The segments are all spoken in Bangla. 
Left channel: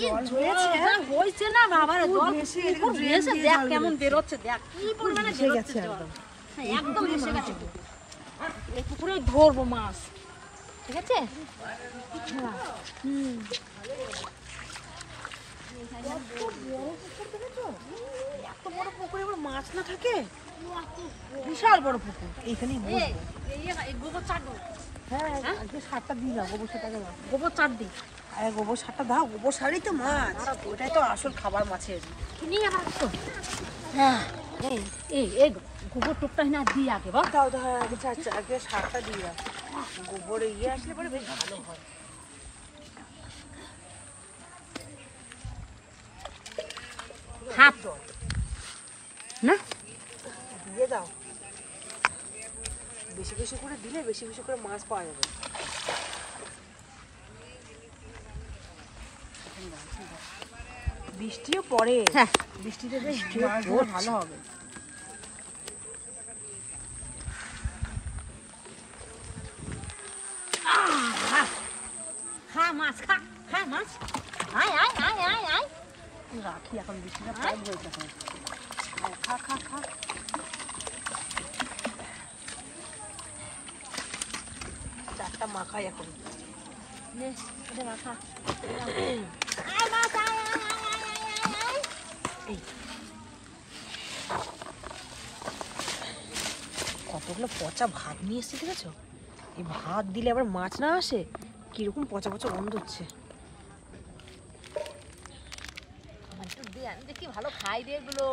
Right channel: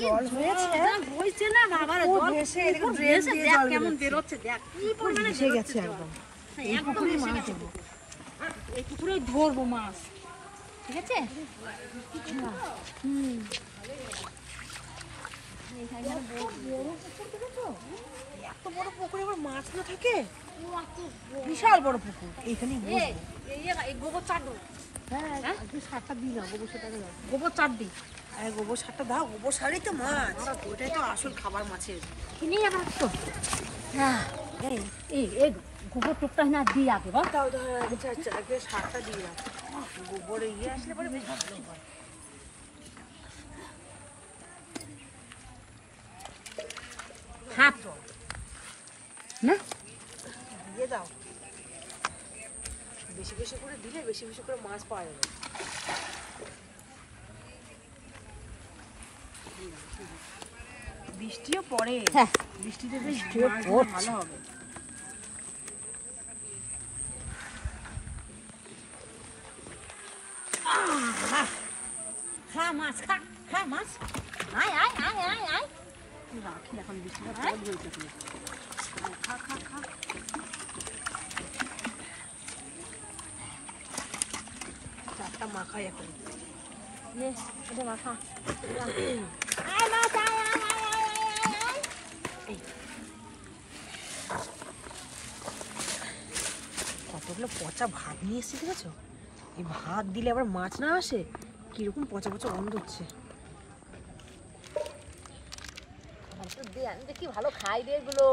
জল হয়েছে না বাবা, জল ভেসে দেখ কেমন বেরোচ্ছে, দেখ কি পরিমাণে বেরোচ্ছে একদম, একদম ভেসে গেছে। এই পুকুরে ধরবো মাছ, ঠিক আছে? এত বড় পুকুরে আবার মাছ না থাকে, বিশাল বড় পুকুর। এইখানেই বসবো। এই গোবর চার দাও। হ্যাঁ আজকে সারটা দিই না, গোবর সারটা দাও। গোবর চার দিই। আরে গোবর সারটা দাও, গোবর সারই তো মাছ, ওটাই তো আসল খাবার মাছের। কিনে আবার তো হ্যাঁ এই গোবর টুকটা না দিই আগে বা দাও দাও। আগে সারটা দিই, গোবর ইয়ে আসলে পরে বেশ ভালো হয়। হাত না দিয়ে দাও, বেশি বেশি করে দিলে বেশি বেশি করে মাছ পাওয়া যাবে। বৃষ্টিও পড়ে, হ্যাঁ বৃষ্টিতে বেশ ভালো হবে। খা মাছ, খা খা মাছ, আয় আয় আয় আয় আয়। রাখি এখন, বৃষ্টিটা কম হয়েছে, খা খা খা। চারটা মাখাই এখন, মাখা। কতগুলো পচা ভাত নিয়ে এসছে, ঠিক আছে? এই ভাত দিলে আবার মাছ না আসে, কিরকম পচা পচা গন্ধ হচ্ছে। দেখি ভালো খাই রে এগুলো।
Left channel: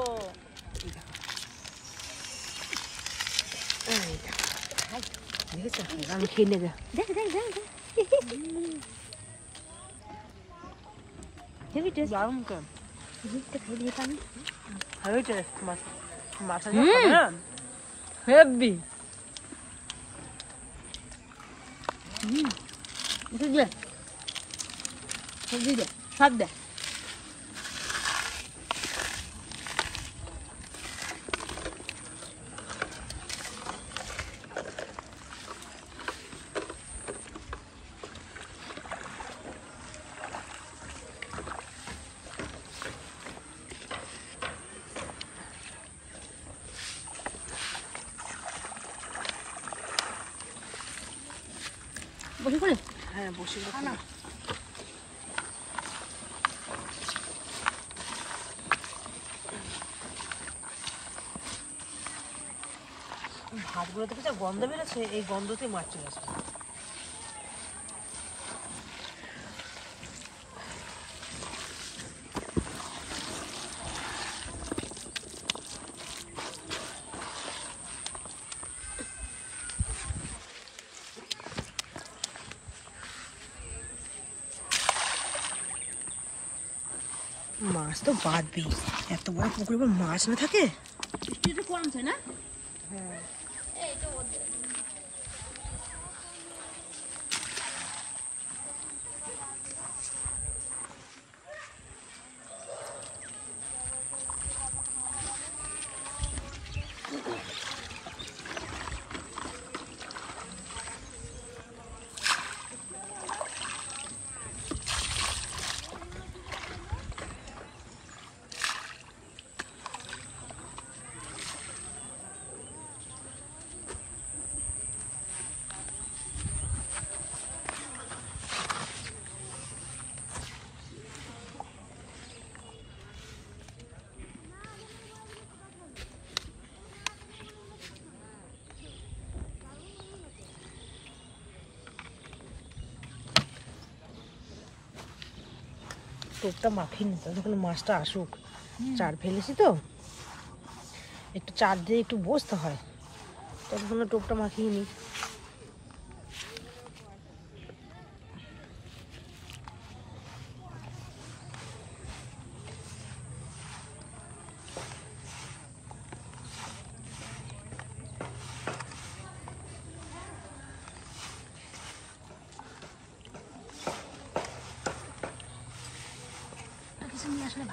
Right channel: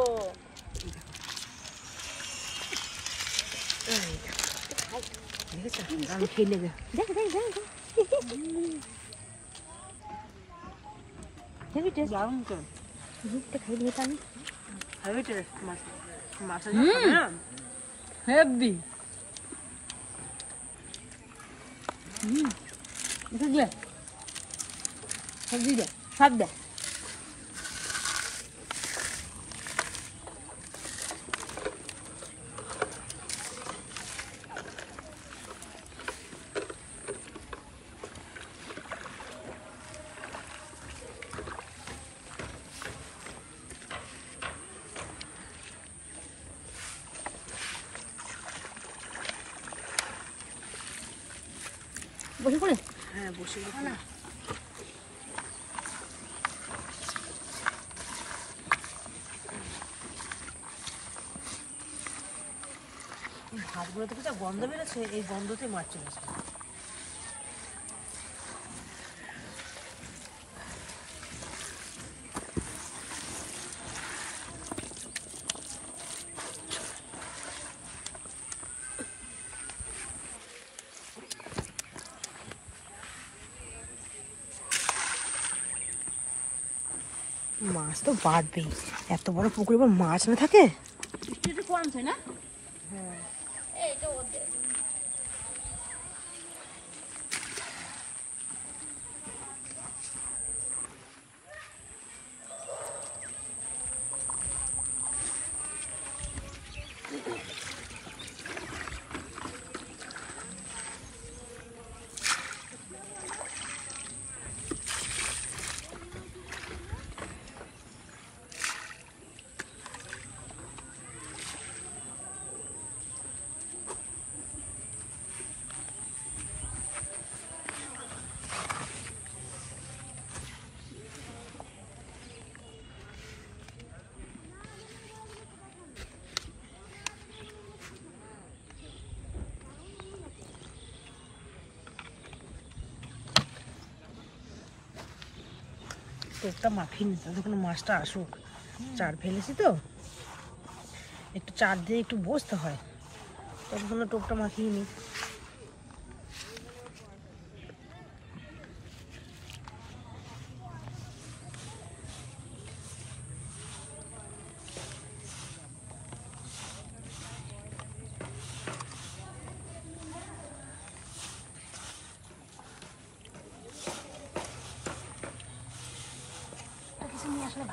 দেখেছো আমি খেয়ে নেবে, দেখ দেখ দেখ হেভি। সবজি দে, সব দে। বসে পড়ে, হ্যাঁ বসে না। ভাতগুলো থেকে যা গন্ধ বেরোচ্ছে, এই গন্ধতে মাছ চলে আসবে। মাছ তো বাঁধবেই, এত বড় পুকুরে আবার মাছ না থাকে। কমছে না, হ্যাঁ টোপটা মাখিয়ে নিতে হবে, তখন মাছটা আসুক। চার ফেলেছি তো, একটু চার দিয়ে একটু বসতে হয়, তখন টোপটা মাখিয়ে নিই।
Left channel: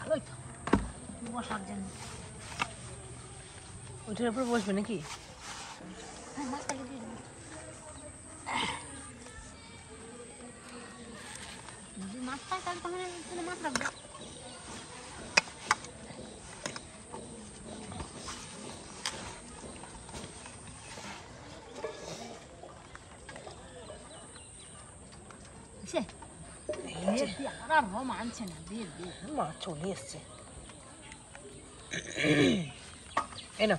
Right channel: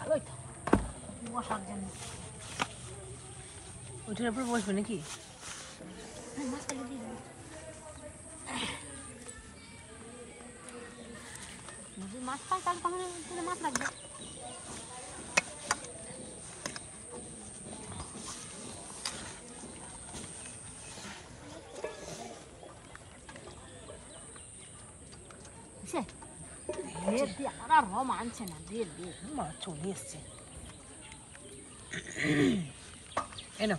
ভালোই বসার জন্য, ওইটার উপরে বসবে নাকি? মাছ মানছে না, মাছ চলে এসছে। এনো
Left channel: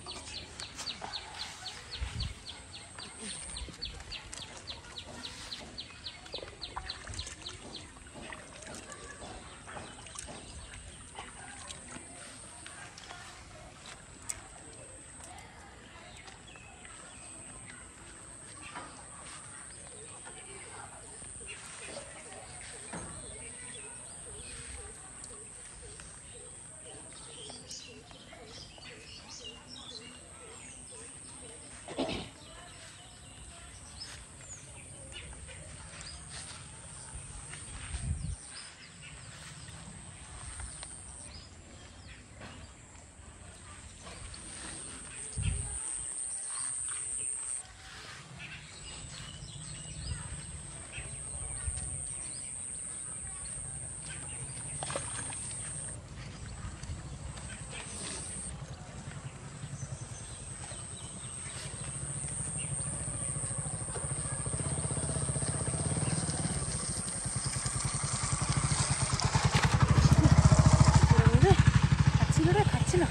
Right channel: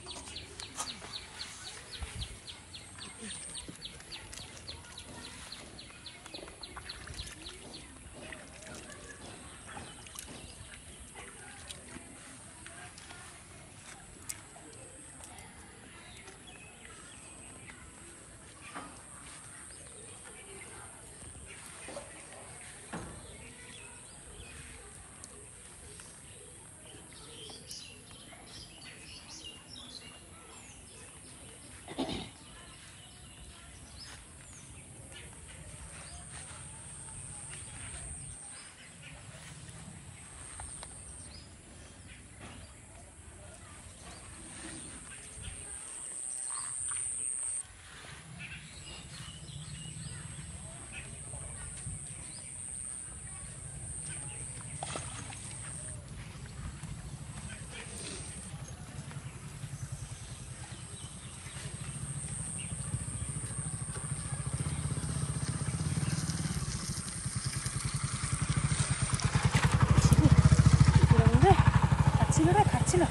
খাচ্ছিল,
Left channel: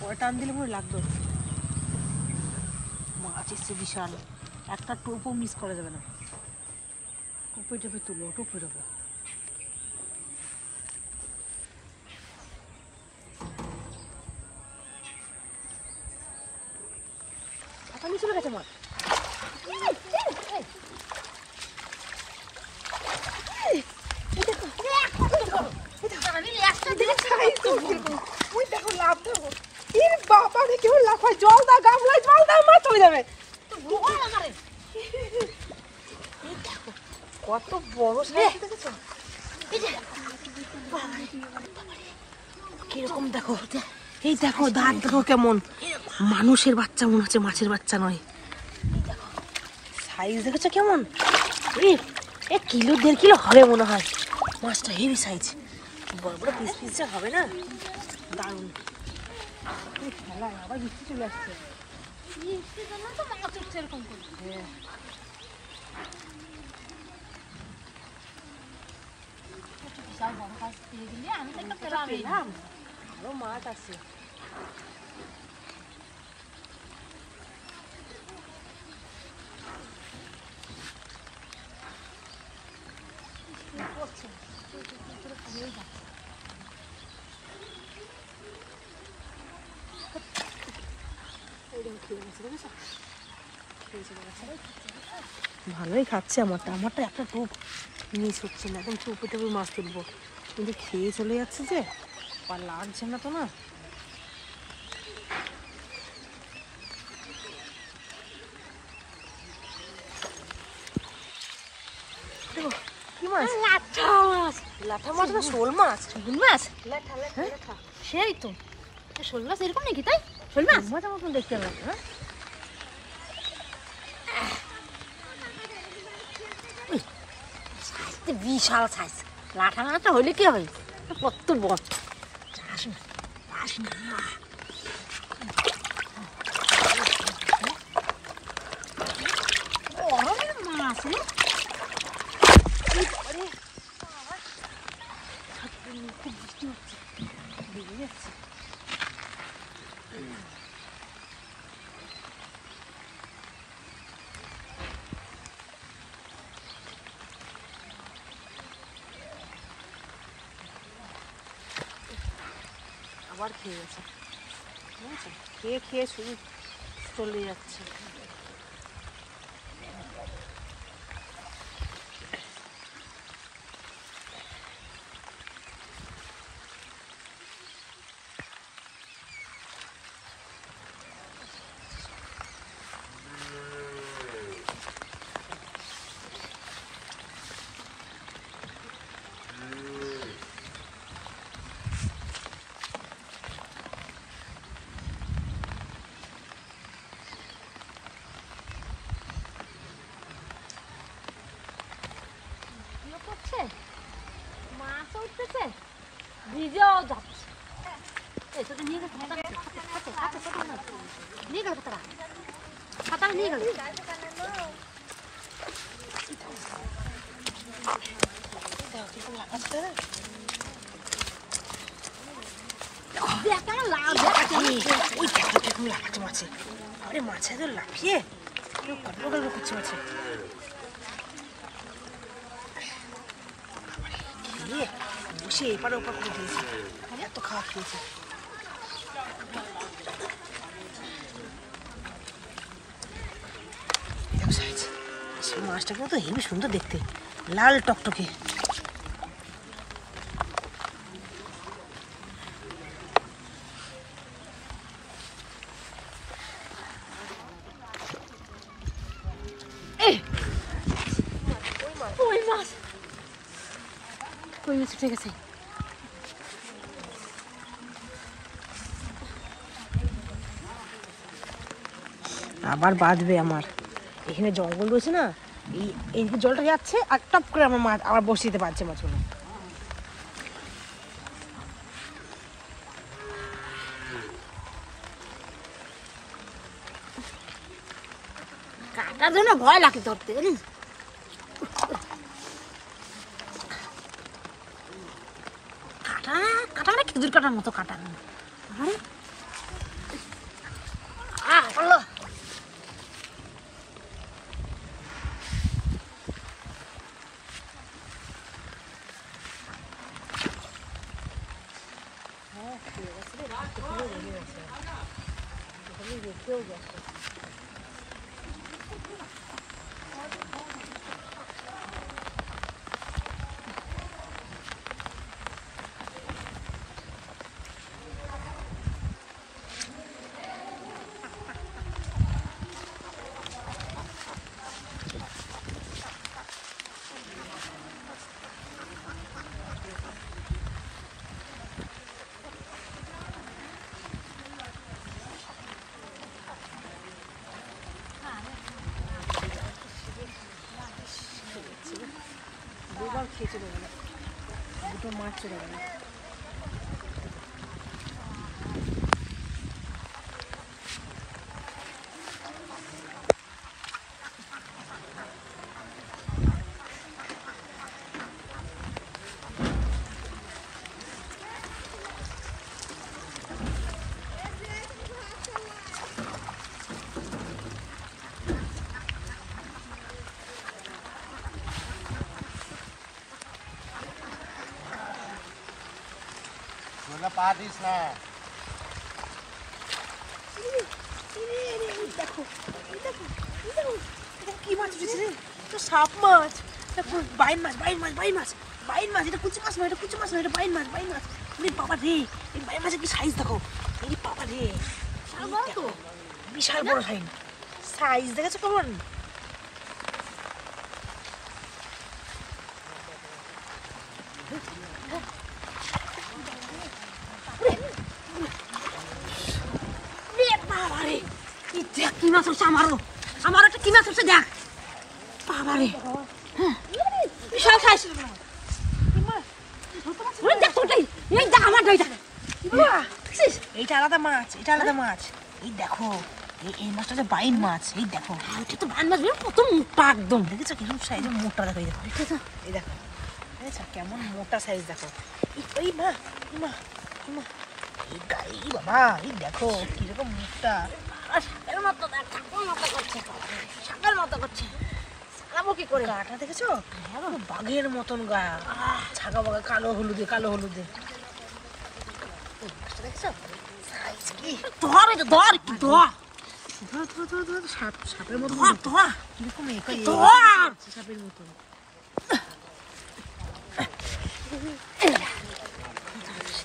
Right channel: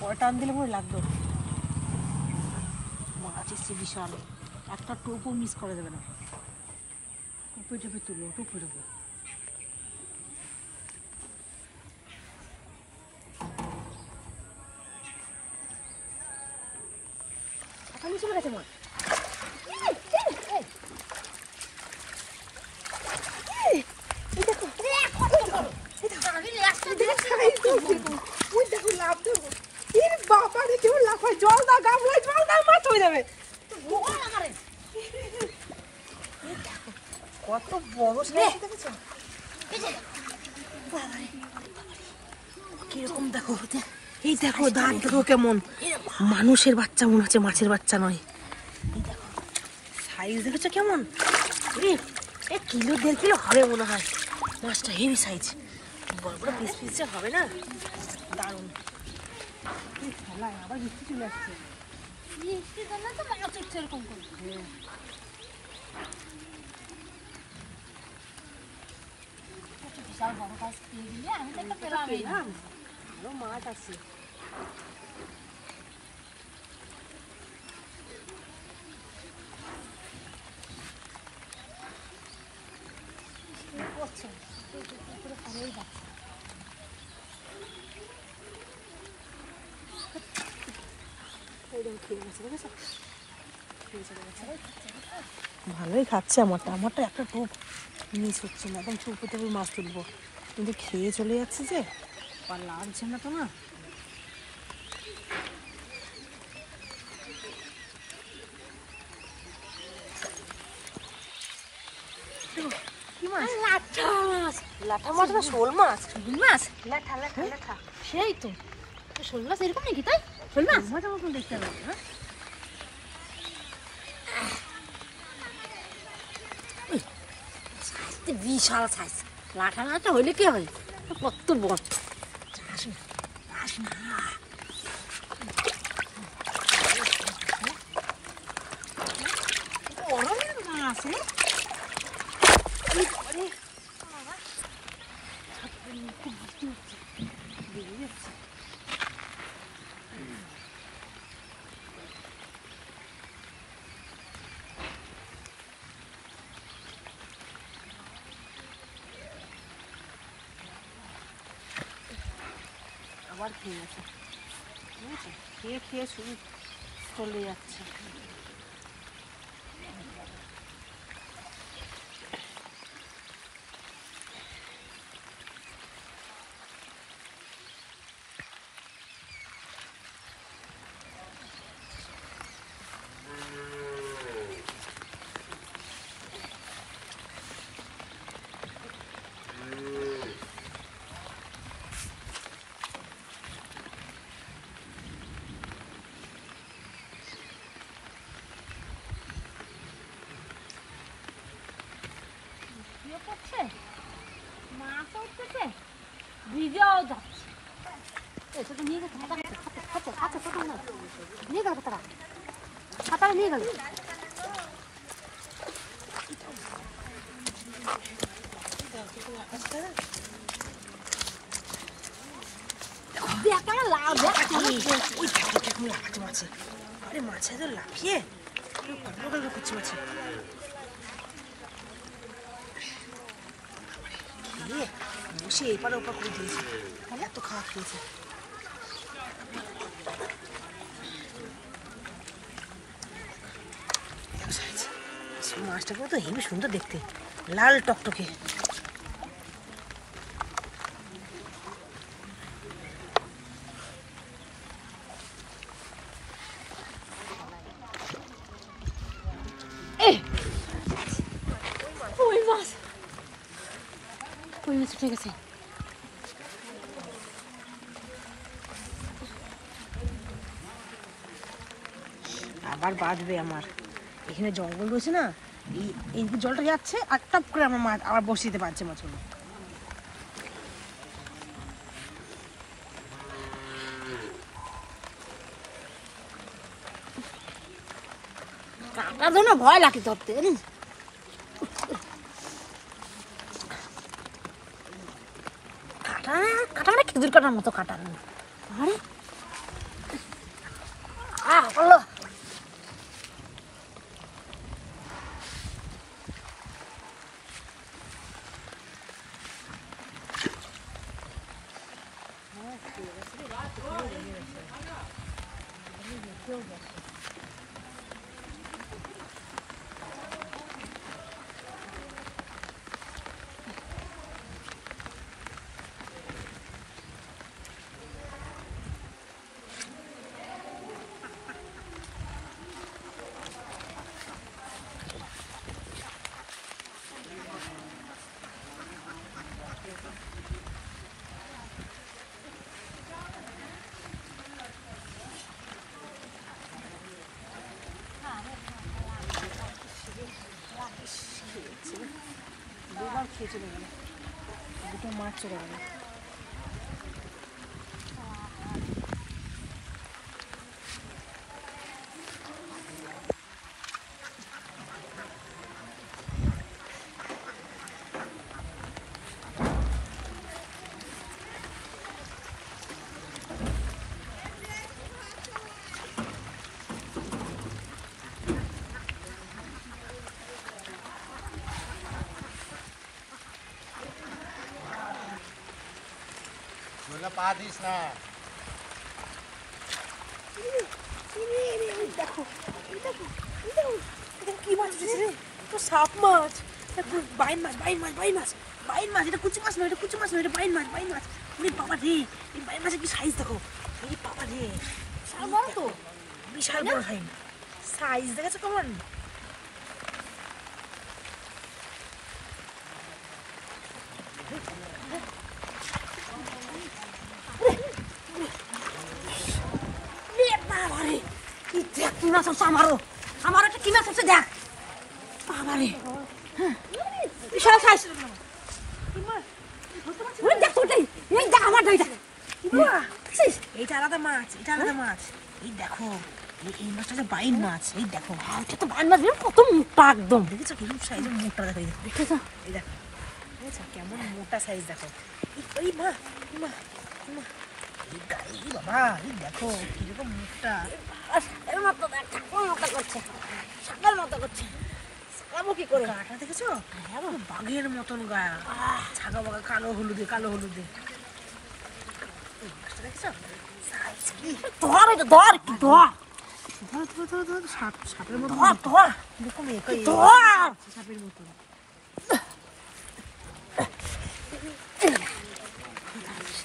পরে টান দিলে মনে লাগতো। মাছ এসছে বিশাল, একটা টোপও মিস করা যাবে না। টোপে টোপে তুলো, টোপে টোপে। চলে গেছে মাছ। জল দাও, গামলায় জল দাও, মাছ চলে যাবে। কত বড় কিরকম দেখো, এই দেখো দাঁত দেখো কেমন, মানুষের বাচ্চা মনে হচ্ছে, মাছের বাচ্চা নয়। সাইজ দেখেছো কেমন, কিলো 1.5 কিলো হবে মনে হয়। মাছটা হেভি সাইজ, বড় বড় পিস পিসে হবে না, দারুণ। খেলায় আবার বৃষ্টি চলে আসছে, এরকম করে। আরো মাছ আছে। ভালোই খাচ্ছে আমারটা, একটা টোপ মিস হচ্ছে না, একদম চুপে টুপে মাছ তুলবো, কিন্তু খেয়ে চলে যাচ্ছে যে, আর লাগছে না তো না। লাঠা মাছ না শোল মাছ? শোল মাছ, লাঠা লাঠা লাঠা, সেই তো শোল মাছ এরকম নাকি? তাই শোল মাছ মজার মতন দেখতে হবে। বিশাল সাইজ, লাঠা লাঠা হইলে কি হয়, কত বড়। আবার খেয়ে গেছে, খেয়ে খেয়ে শুধু চলে যাচ্ছে। মাছটা উঠতেছে, ভিজেও যাচ্ছে। এই তোকে নিয়ে গেছে, নিয়ে গেল কোথাও, খাতাটা নিয়ে গেল। আরে মাছে তো লাফিয়ে গল্প করছে মাছে বসে এপারে ওপার করে দিয়েছে, এত খাওয়া খেয়েছে। মাছটাকে তো হেবি সুন্দর দেখতে, লাল টকটকে। কই মাছ, কই মাছ উঠে গেছে। আবার বাঁধবে আমার, এখানে জঙ্গল রয়েছে না, এই জলটা যাচ্ছে আর টপ করে আমার মাছ আবার বসে দিতে পারছে মাছগুলো। কাটার জন্য ভয় লাগে ধরতে, জানিস? কাটা কাটা মানে খেজুর কাটার মতো কাটা। দুবার খেয়ে চলে গেল, দুটো মাছ চলে গেল। পা দিস না। দেখো কি মাছ উঠেছে রে, তো সাপ মাছ, বাইন মাছ, বাইন মাছ, বাইন মাছ, বাইন মাছ। এটা কুচি মাছ নয়, এটা কুচি মাছ নয়, এটা বাইন মাছ, বাইন মাছ। আরে বাবা রে, এই বাইন মাছের কি সাইজ দেখো, এই বাবা রে, বড় তো, বিশাল বড় সাইজ, সাইজ দেখেছো কেমন? বাবারে দেখ কি মাছ হচ্ছে, আমারও একটা কি মাছ হচ্ছে দেখ। বাবারে বিশাল সাইজ, দেখ তোটাই, এই দেখ আমার এইটা, এইটা আলাদা মাছ, এটা আলাদা মাছ। এই দেখো এই মাছটা যে বাইন মাছ, এই দেখো এটা তো বান মাছ, কত মোটা একদম। দেখেছো কিরকম সাইজের মোটা দেখো, এই দেখো এই দেখো, দেখেছো কেমন মোটা সাইজ দেখো। এই মা, মা, মা, এই বাবা, এই দেখো কিরকম মোটা। সাপের মতো দেখ, সাপের মতো করছে, সাপের মতো করছে। সারাবো কি করে? গাটা দেখেছো, বাঘের মতন গা, ছাগা বাগা, কালো হলুদে, কালো হলুদে। মাছটা দেখেছো সাইজ কি, ধর এটা, ধর কি ধর, ধর ধর ধর ধর, সাপের মতো ধর ধর এরকম ধর, সাপের মতন।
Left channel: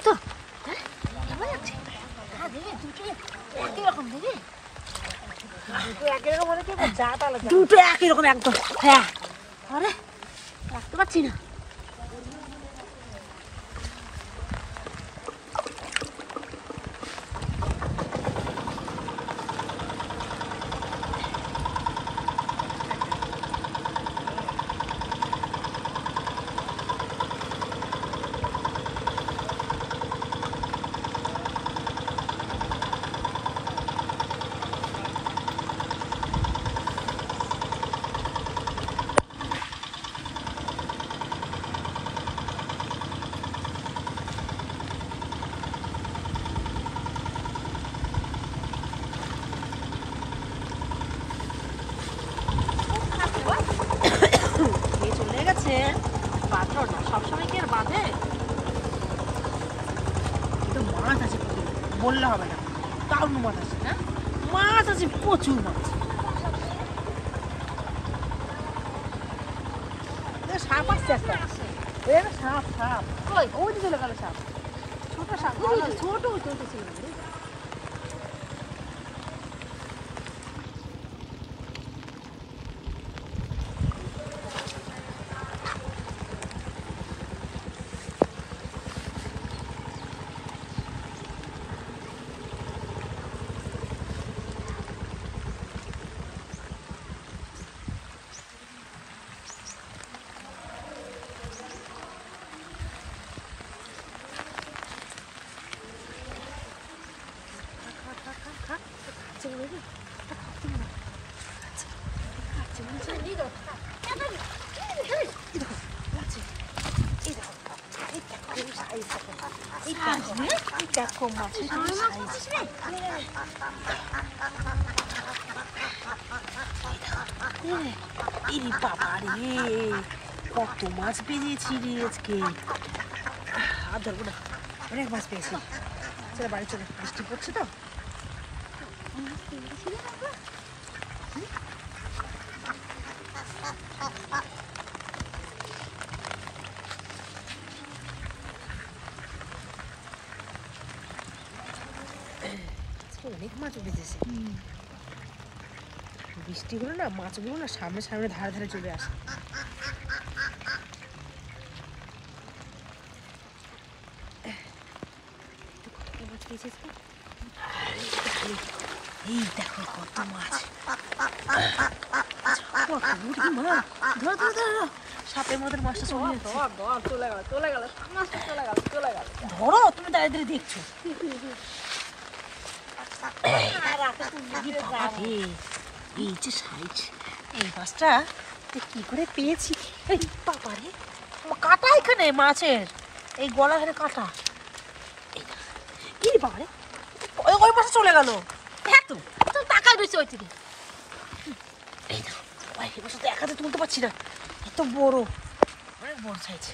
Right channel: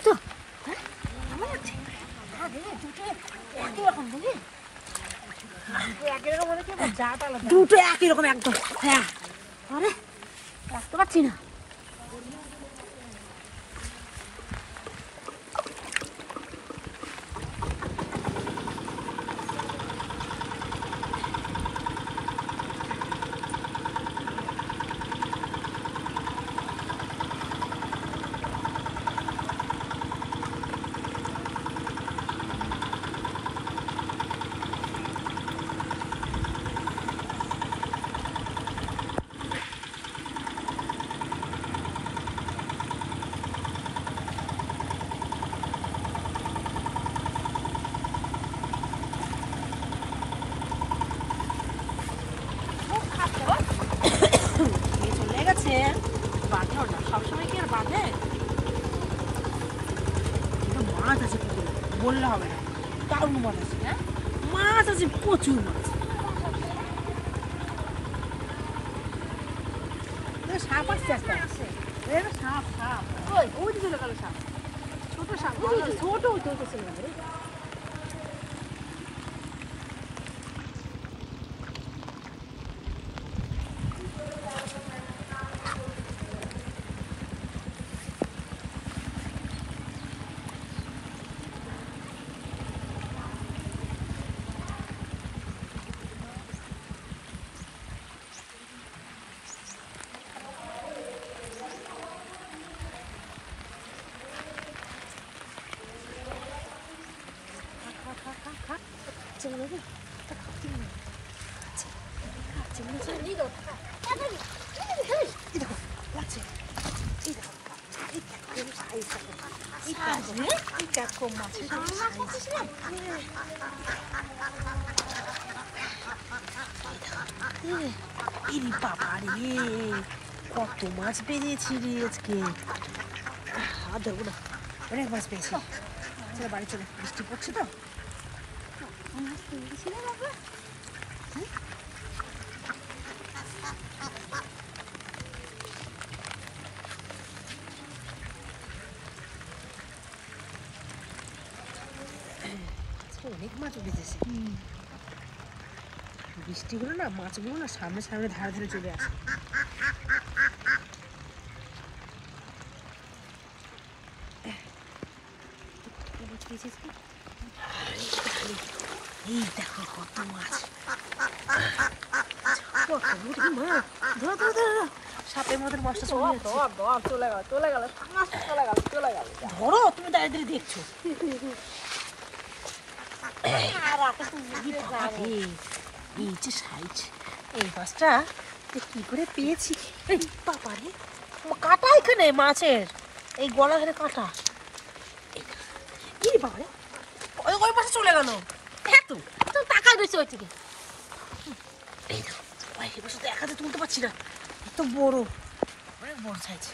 তো কেমন লাগছে? হ্যাঁ দেবে, দুটো একই রকম দেবে, একই রকম মানে কি, জাত আলাদা। দুটো একই রকম একদম। হ্যাঁ আরে বুঝতে পারছি না। আর বাঁধে। এটা মাছ আছে পুকুরে, বললে হবে না, দারুণ মাছ আছে। হ্যাঁ, মাছ আছে, প্রচুর মাছ। সাপ আসছে একটা, সাপ সাপ ওই দিকে চলে গেল সাপ, ছোট সাপ, ছোট ছোট চলে গেল। দেখো মাছ, বাবা রে, কত মাছ পেয়েছি রে আজকে। আর ধরবো না, অনেক মাছ পেয়েছি। চলো বাড়ি চলো, বৃষ্টি পড়ছে তো। অনেক মাছ উঠেছে, বৃষ্টি হলো না, মাছগুলো না সামনে সামনে ধারে ধারে চলে আসে। এই দেখো কত মাছ, সাপের মধ্যে মাছটা চলে যাচ্ছে। ধরো, তুমি দাঁড়িয়ে দাঁড়িয়ে দেখছো। এই যে সাইজ, এই মাছটা কি করে পেয়েছি। এই বাবারে, কাটা এখানে মাছের, এই গলা ধরে কাটা। এই বাবারে, ওই পাশে চলে গেল। হ্যাঁ তো তাকাই রয়েছে ওই থেকে। এই দেখো, দেখা তো তুলতে পারছি না, এত বড়, অনেক বড় সাইজ।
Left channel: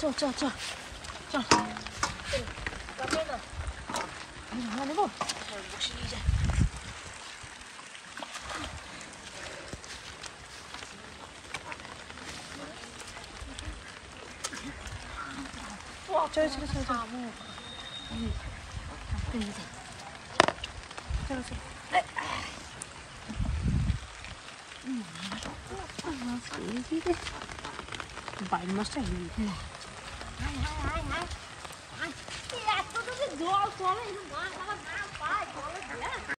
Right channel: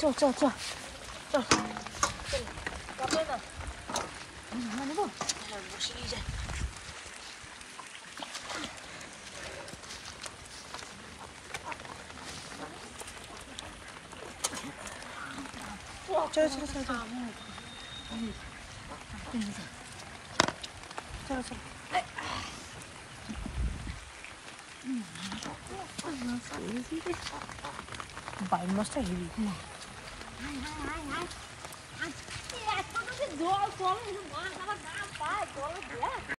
চল চল চল চল, নেবো, বসে নিয়ে যায়। চলো চলো চলো চলো চলো। বাইর মাছটা হেভি। জল চলে, মাছ আমার নাম পায় জলে দিয়ে।